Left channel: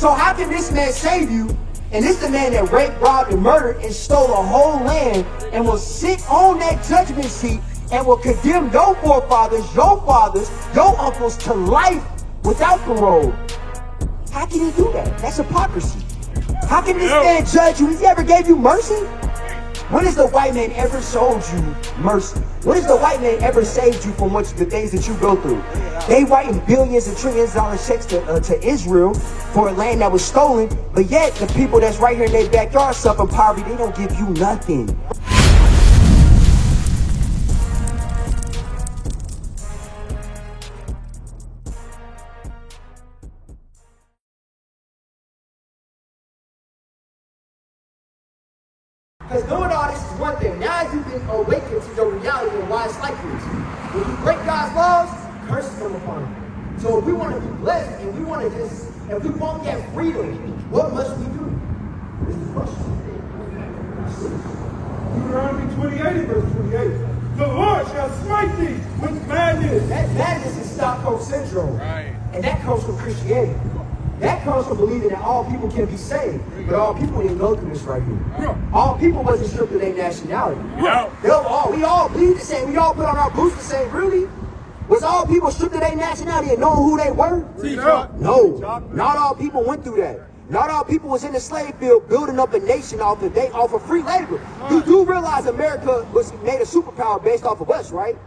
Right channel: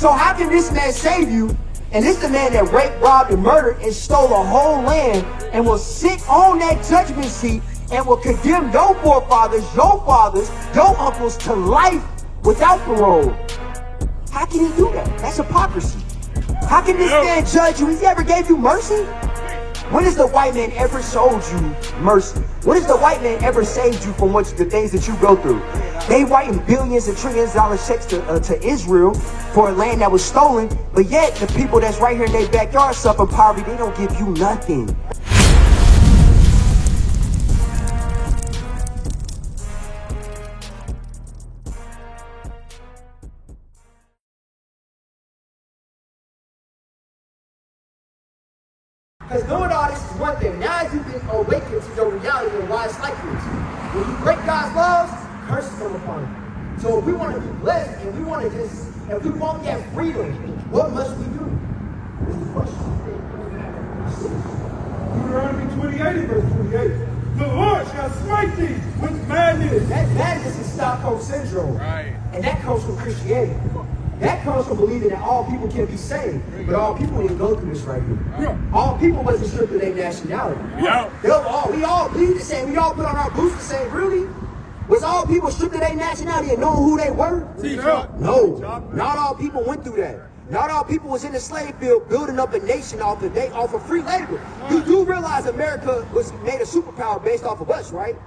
So how can this man save you? And this the man that raped, robbed, and murdered and stole a whole land and will sit on that judgment seat and will condemn your forefathers, your uncles to life without parole. How can he do that? That's hypocrisy. How can this man judge you? He ever gave you mercy? When has the white man ever showed you mercy? When has the white man ever saved you from the things that you go through? They writing billions and trillions of dollar checks to Israel for a land that was stolen, but yet the people that's right here in their backyard suffering poverty, they don't give you nothing. Because doing all this is one thing. Now you've been awakened to your reality and why it's like this. When you break God's laws, curses come upon you. So if we want to be blessed and we want to if we want that freedom, what must we do? This is the question. Deuteronomy 28 and verse 28. The Lord shall smite thee with madness. That madness is Stockholm Syndrome. Right. And that comes from Christianity. That comes from believing that all people can be saved. But all people didn't go through this right here. All people wasn't stripped of their nationality. We all bleed the same. We all put on our boots the same. Really? Was all people stripped of their nationality and knowing who they were? No. Not all people went through that. Not all people was in the slave field building up a nation off of free labor. You do realize America was made a superpower based off of us, right?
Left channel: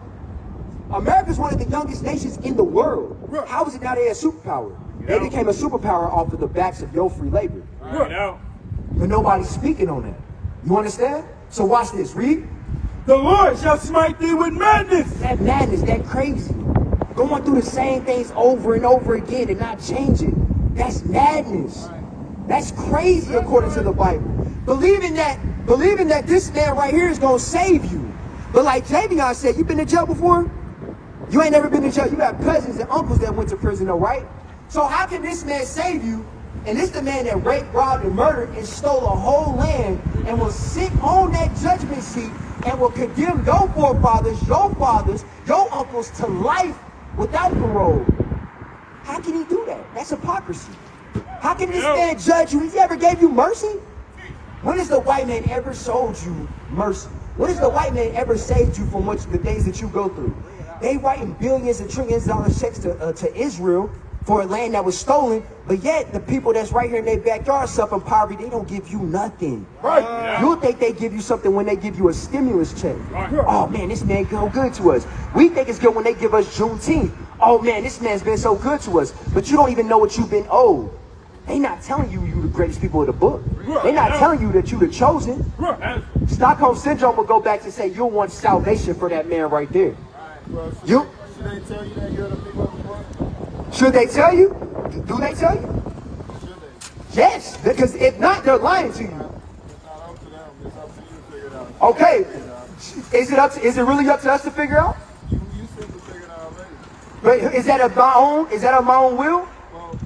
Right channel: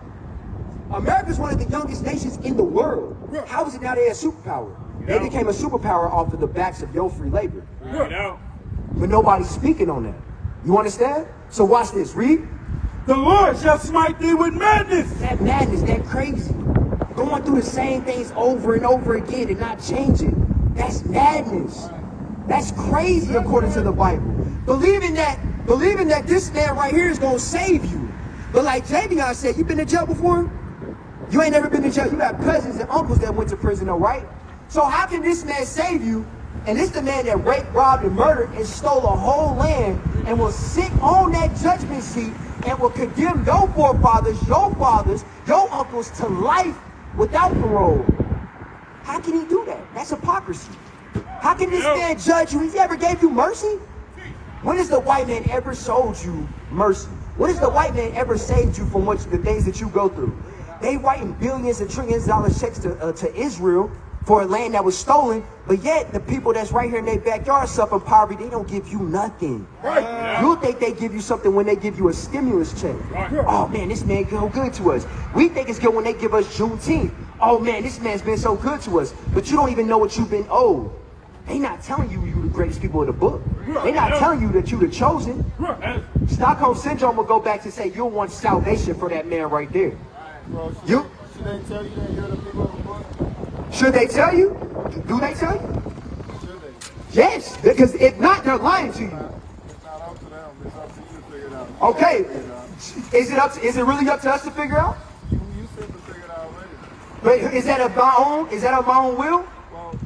America's one of the youngest nations in the world. How is it now they a superpower? They became a superpower off of the backs of your free labor. But nobody's speaking on that. You understand? So watch this. Read. The Lord shall smite thee with madness. That madness, that crazy. Going through the same things over and over again and not changing. That's madness. That's crazy according to the Bible. Believing that this man right here is going to save you. But like Javion said, you been in jail before? You ain't never been in jail. You got cousins and uncles that went to prison, though, right? So how can this man save you? And this the man that raped, robbed, and murdered and stole a whole land and will sit on that judgment seat and will condemn your forefathers, your uncles to life without parole. How can he do that? That's hypocrisy. How can this man judge you? He ever gave you mercy? When has the white man ever showed you mercy? When has the white man ever saved you from the things that you go through? They writing billions and trillions of dollar checks to Israel for a land that was stolen, but yet the people that's right here in their backyard suffering poverty, they don't give you nothing. You think they give you something when they give you a stimulus check. Oh man, this man so good to us. We think it's good when they give us Juneteenth. Oh man, this man's been so good to us. But you don't even know what you've been owed. They not telling you the greatest people of the book. They not telling you that you the chosen. Stockholm Syndrome will go back to say you'll want salvation for that man right there. Should they tell you that you're the people of the book? Should they tell you? Do they tell you? Yes, because if not, they're lying to you. It's not up to them. It's up to you to figure it out. Okay. Is it really up to us to figure out? You said to figure it out already. But is that of my own? Is that of my own will? Well,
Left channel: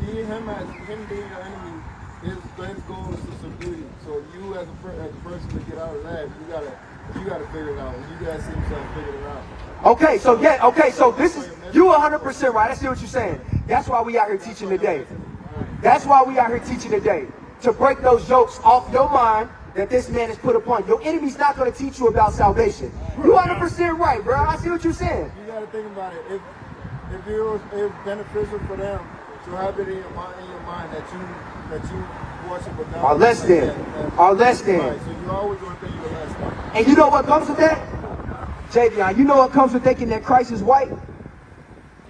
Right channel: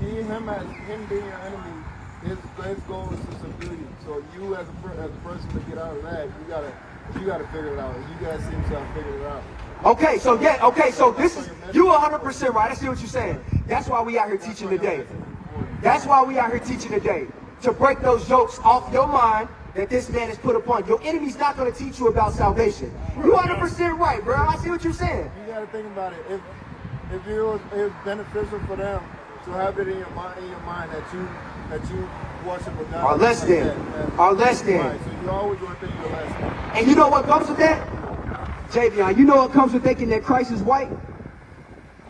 him being your enemy, his goal is to subdue you. So you as a person to get out of that, you gotta figure it out. You guys seem to have figured it out. Okay, so this is, you 100% right. I see what you're saying. That's why we out here teaching today. That's why we out here teaching today. To break those jokes off your mind that this man has put upon you. Your enemy's not going to teach you about salvation. You 100% right, bro. I see what you're saying. You gotta think about it. If it's beneficial for them to have it in your mind that you worship a God. Or less than. Right, so you always want to think you're less than. And you know what comes with that? Javion, you know what comes with thinking that Christ is white?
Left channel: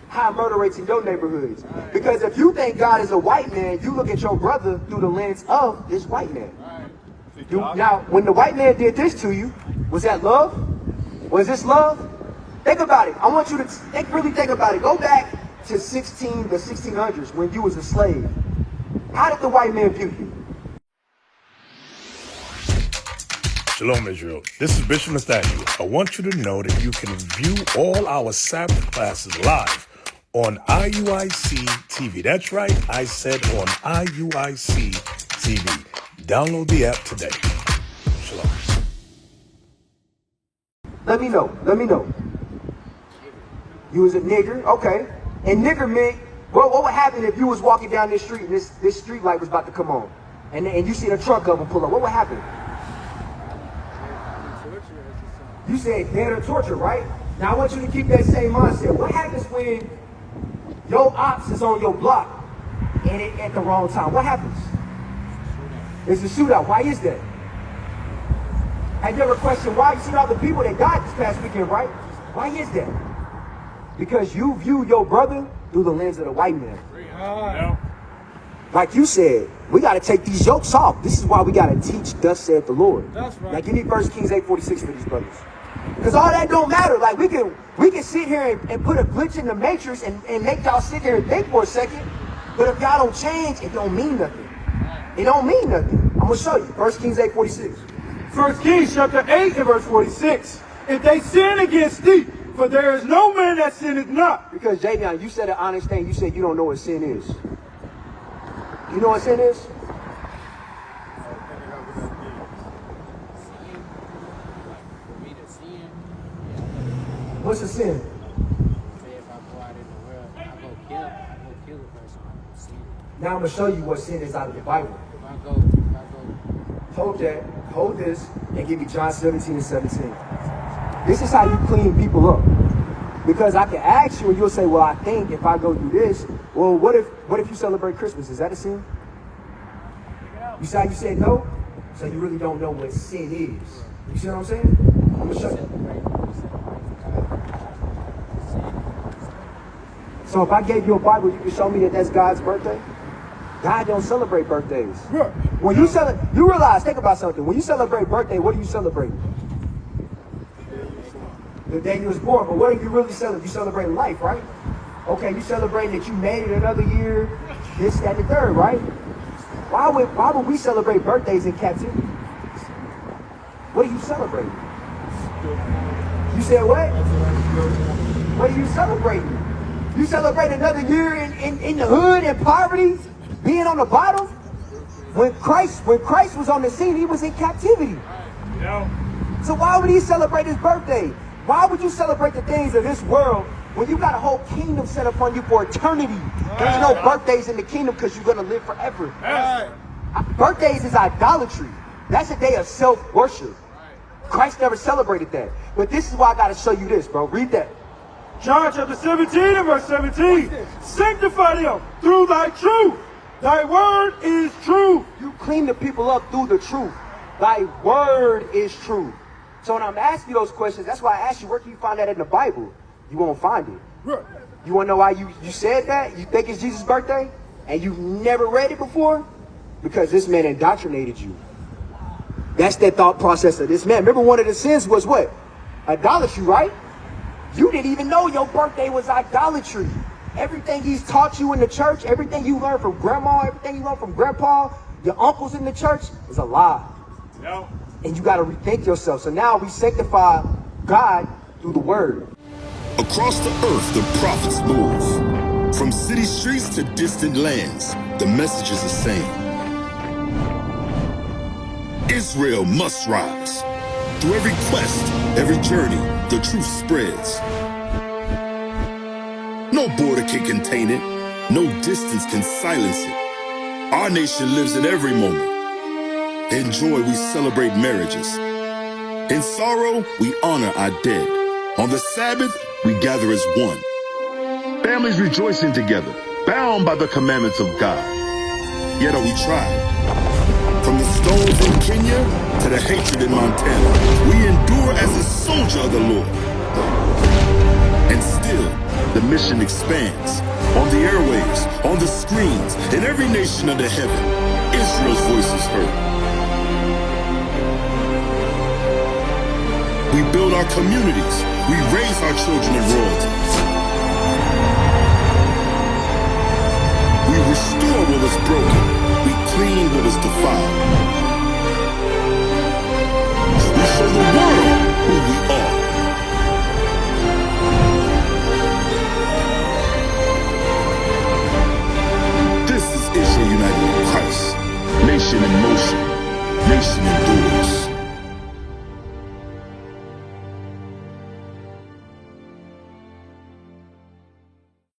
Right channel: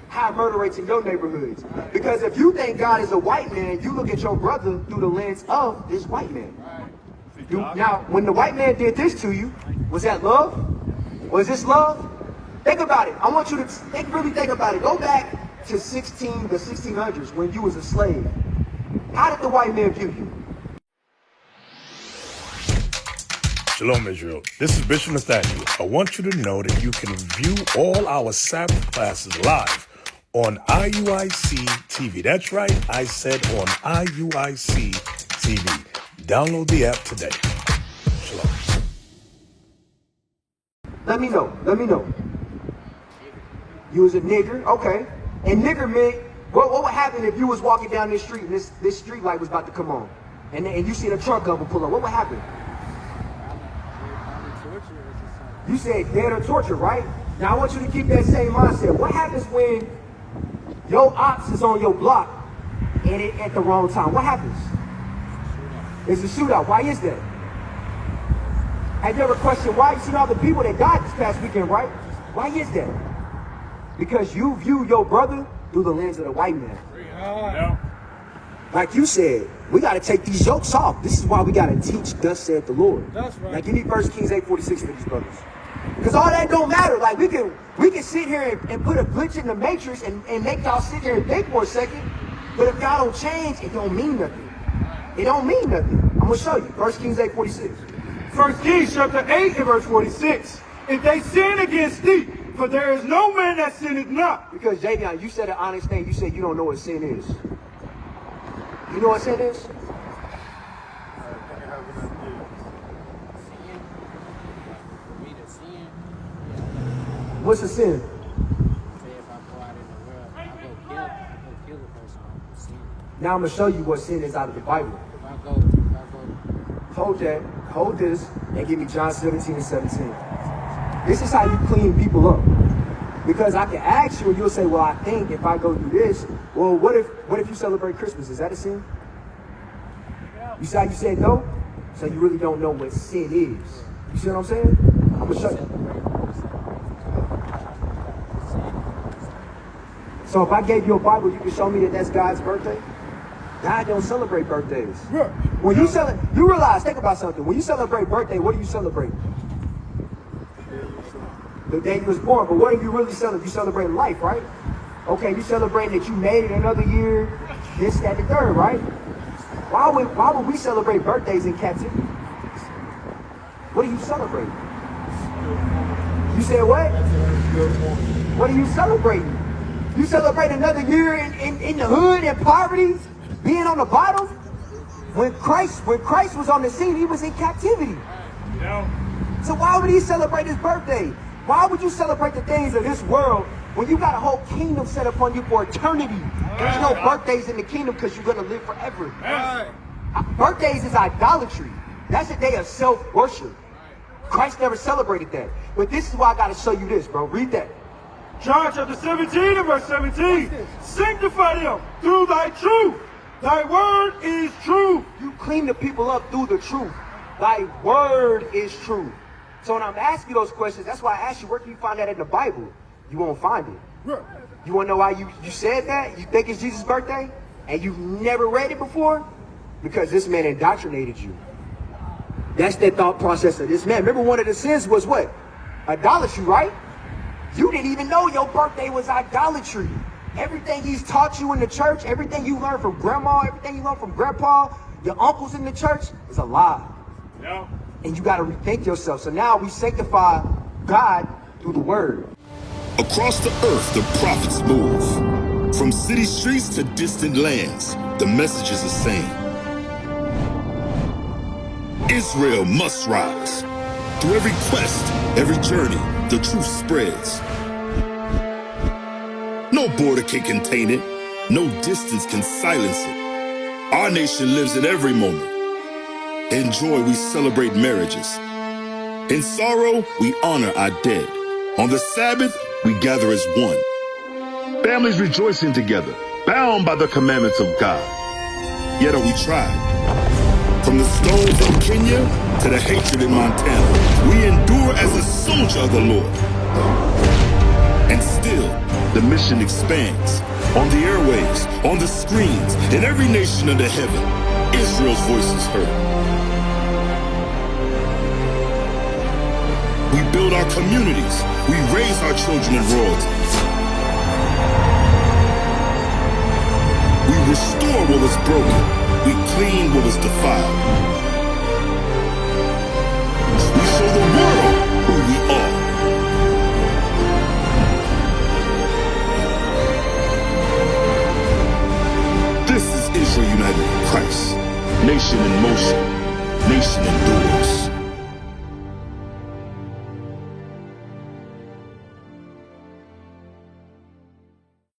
High murder rates in your neighborhoods. Because if you think God is a white man, you look at your brother through the lens of this white man. Now, when the white man did this to you, was that love? Was this love? Think about it. I want you to really think about it. Go back to the 1600s when you was a slave. How did the white man view you? Shalom, Israel. This is Bishop Nathaniel. I want you to know that you can view all our Sabbath classes live on IUIC TV. That's right, I said on IUIC TV. Download the app today. Shalom. Let me know. You was a nigger, okay. And nigger meant What would happen if you was walking down this street and this street light was about to come on? And you see the truck come and pull up. What would happen? You said dead or torture, right? Now I want you to keep that same mindset. What happens when your ops is on your block and it at the wrong time? What happens? It's a shootout. Why is that? Have you ever questioned why? You see all the people that died this past weekend, right? Why is that? Because you view your brother through the lens of the white man. Yeah. Like you said, we got to take these yokes off. This is why we got to teach, thus saith the Lord. That's right. Like, give me 1 Kings 8:46 for these brothers. Because all that don't matter. Like, we can sit here and put a glitch in the matrix and make y'all sit there and think for a second. But if God don't change, it don't mean nothing. It don't mean nothing. I'm going to show you. 1 Kings 8:46. 1 Kings chapter 8 and verse 46. If they sin against thee, for there is no man that sinneth not. Because, Javion, you said an honest thing. You said you don't know what sin is. You know what sin is? Sin, for me to sin, What's a sin? say if I go out in the world, I go kill a person, I'm sin. Now I'm going to show you what sin is out of the Bible. If I go, Hold that, hold this, and give me John 17:17. This is how you clean people up. Because I can ask you and you'll say, well, I think if I go do this, well, what if you celebrate Christmas? Is that a sin? You say you said no? So you really don't know what sin is. You see what I'm saying? I'm gonna show you. So if I gave you a Bible, you can show me that that's God's birthday? God don't celebrate birthdays. Right. When you you realize, think about something. When you celebrate birthday, what are you celebrating? The day you was born. But what are you really celebrating? You celebrating life, right? Okay, you celebrating that you made it another year, this, that, and the third, right? Why would we celebrate birthdays in captivity? What are you celebrating? You said what? What are you celebrating? You celebrate another year in the hood, in poverty, being on the bottom? When Christ was on the scene, he was in captivity. So why would he celebrate his birthday? Why would you celebrate the things of this world when you got a whole kingdom set upon you for eternity? There ain't no birthdays in the kingdom because you're going to live forever. Birthdays is idolatry. That's a day of self-worship. Christ never celebrated that. But this is why I got to show you this, bro. Read that. John chapter 17 and verse 17. Sanctify them through thy truth. Thy word is truth. You clean the people up through the truth. Thy word is truth. So when I'm asking you those questions, that's why I asked you, where can you find that in the Bible? You won't find it. Right. You want to know why you said that? You think it's Jesus' birthday? And you've never read it before? Because this man indoctrinated you. That's the thought process of this man. Remember, one of the sins was what? Idolatry, right? You didn't even know your birthday was idolatry. Everything he's taught you in the church, everything you learned from grandma, everything you learned from grandpa, your uncles in the church, is a lie. No. And you got to rethink yourself. So now we sanctify God through the word. Across the earth, the prophets move. From city streets to distant lands, the message is the same. Israel must rise. Through every quest, every journey, the truth spreads. No border can contain it. No distance can silence it. Our nation lives in every moment. In joy, we celebrate marriages. In sorrow, we honor our dead. On the Sabbath, we gather as one. Families rejoicing together, bound by the commandments of God. Yet are we tried. From the stones in Kenya to the hatred in Montana, we endure as a soldier of the Lord. And still, the mission expands. On the airwaves, on the screens, in every nation under heaven, Israel's voice is heard. We build our communities. We raise our children in royalty. We restore what was broken. We clean what was defiled. We show the world who we are. This is Israel united in Christ. Nation in motion. Nation endures.